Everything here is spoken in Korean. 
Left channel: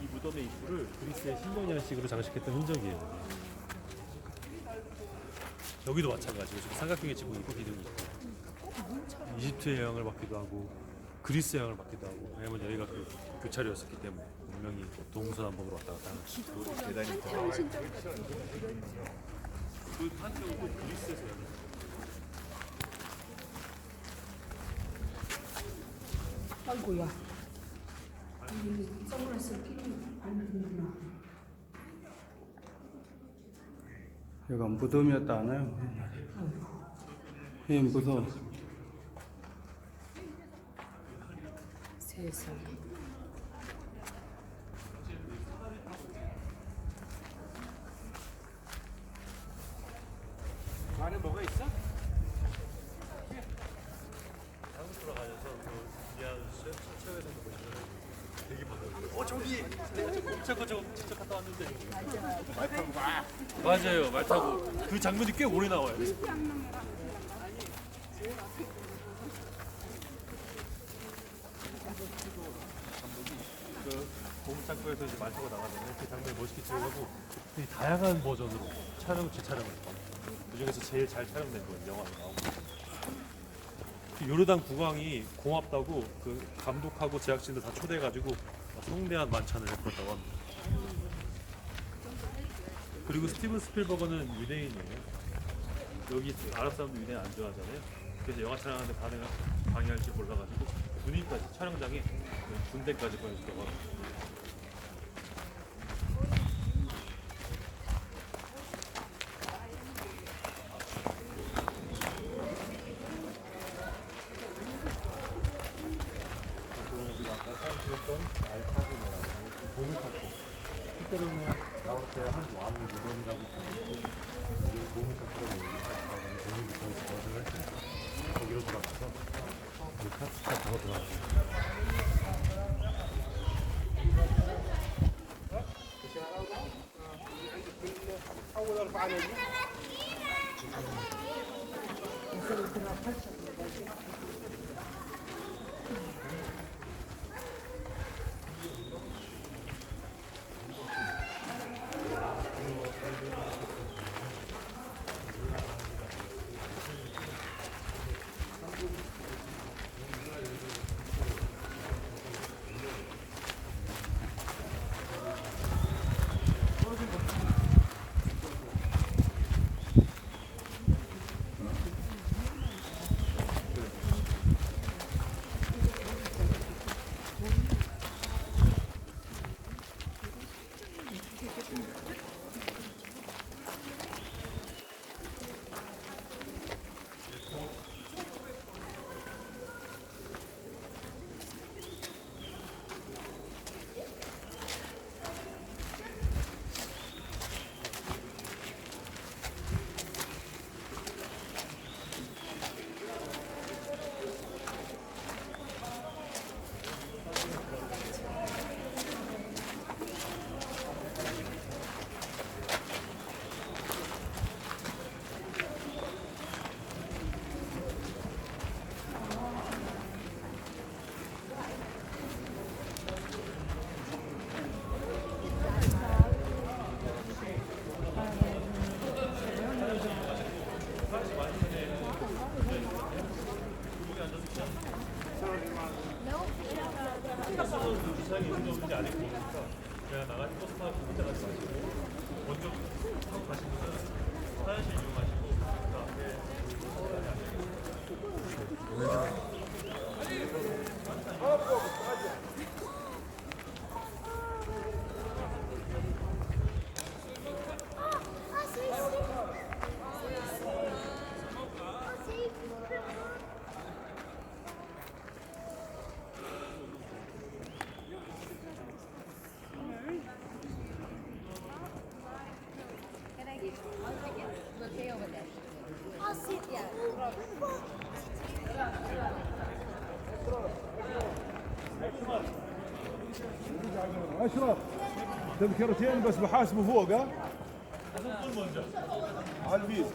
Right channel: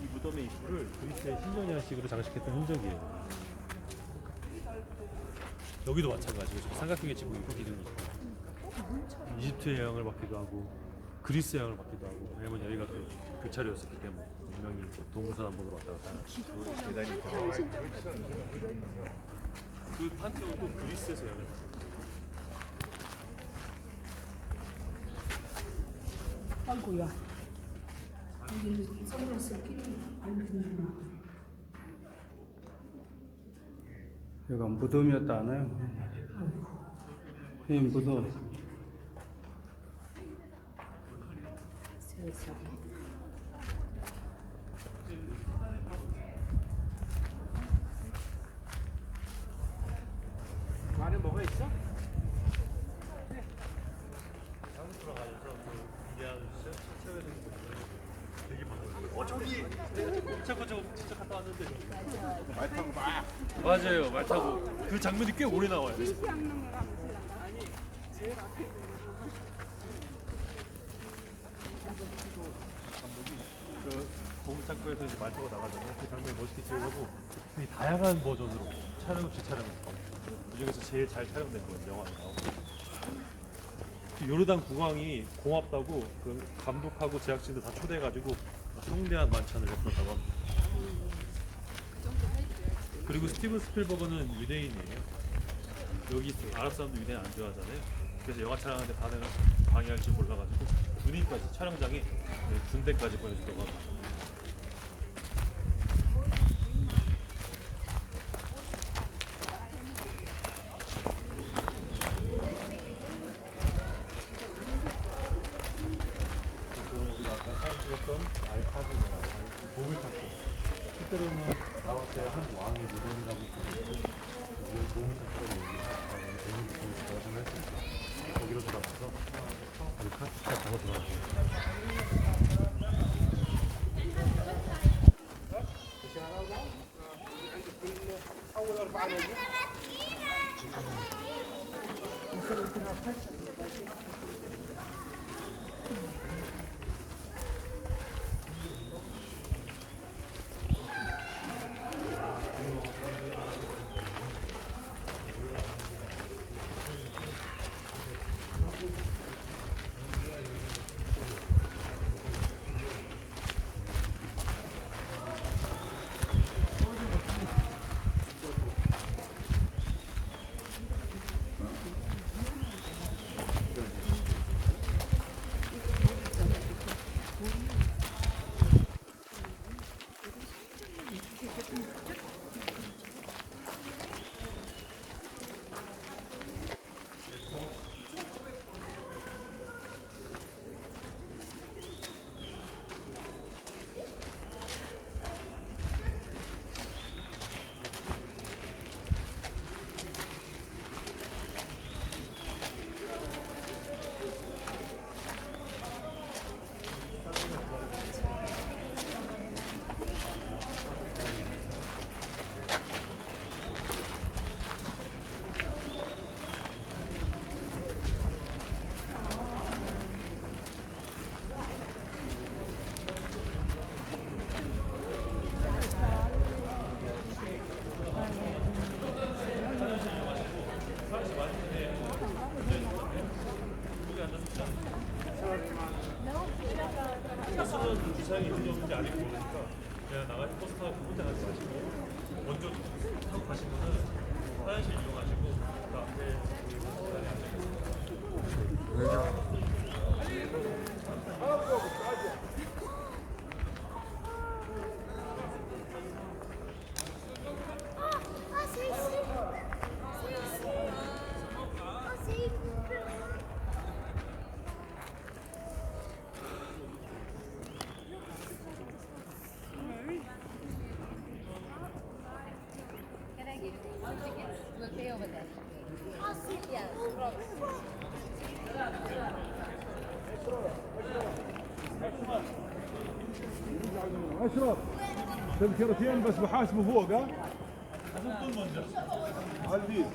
이 무덤의 입구를 그리스의 신전이식으로 장식했던 흔적이에요. 여기도 마찬가지로 삼각형의 지붕을 기둥이 있고 이집트의 영향을 받기도 하고 그리스의 영향을 받기도 하고 왜냐면 여기가 그 교차로였었기 때문에 분명히 동서남북으로 왔다 갔다 하는 대단히 그 판테온도 그리스에서 열렸어요. 아이고야. 선글라스 끼는 안 되는구나. 여기가 무덤이었다 하나요? 예, 무덤. 세상에. 안에 뭐가 있어? 저기 내가 저거 진짜 갔다 왔는데 말 타고 맞아요 말 타고 그 장면이 꽤 오래 나와요. 그 공작구에서 이제 말 타고 나가잖아요. 그 장면 멋있게 찍어가지고 되게 다양한 버전으로 재촬영했어요. 그 중에서 제일 잘 촬영된 건 영화가 나오고. 요르단 국왕이 고맙다고 그 감독하고 제작진들 다 초대해가지고 성대한 만찬을 베풀었다고 합니다. 그리고 스티븐 스필버그는 유대인이에요. 여기 아랍 사람도 유대인 안 좋아하잖아요. 그래서 영화 촬영하는데 방해할지 몰라가지고 군인까지 촬영장에 군대까지 보내줬다고 합니다. 알타고라고 봄을 탔고 실제로는 나올 때 한 왕의 무덤이라고 있었는데 봄을 탔다고 얘기하고 봄을 탔다고 했어요. 거기로 들어가서 알타스가 더 들어가요. 주사위 인정인지 아닌지 모르니까 그냥 나가서 버스 타고 혼자 가시죠. 먼저 가시면은 화장실 이용하시고 اشرف تذكرتين بس بحاسبه فوق ها؟ على البيت